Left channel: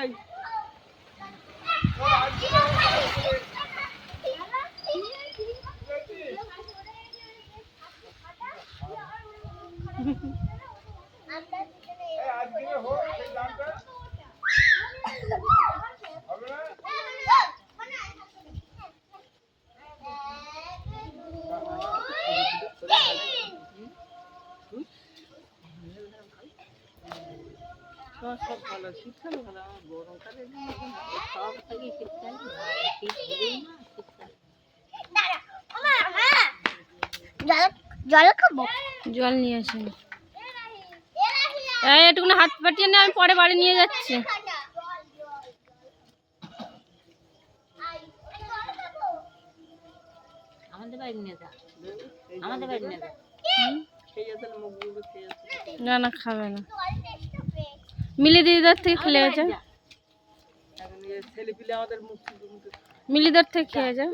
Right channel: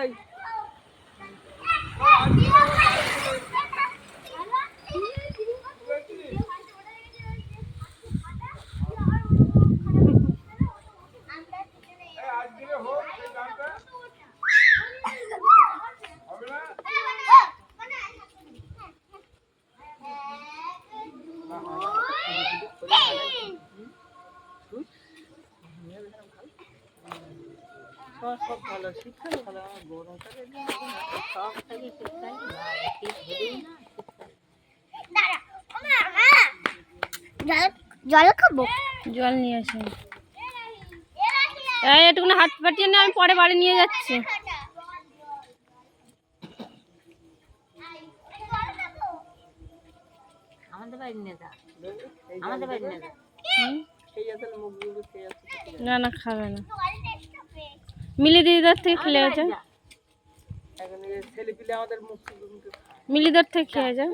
এই সব ভালো, শীতকালে ভালো, আমার গরমকালে সব থেকে শীতকাল শীত হলেই না জল খাবো, জল নিয়ে আসেন। এই এটুকুনি হাত পাটিয়ে নিয়ে আমি পরে বাড়ি নিয়ে যাচ্ছি। আমাদের বাড়ি নিয়ে যা, আমাদের বাড়ি নিয়ে যা। খেয়ে আসেন, মুখগুলো খেয়ে আসেন। না না খাবে না, মিলি দিদিদার থেকে খেলে যা, এখন ছেলে পিলে আমাদের মুখ মিলিদার থেকে খেয়ে যা।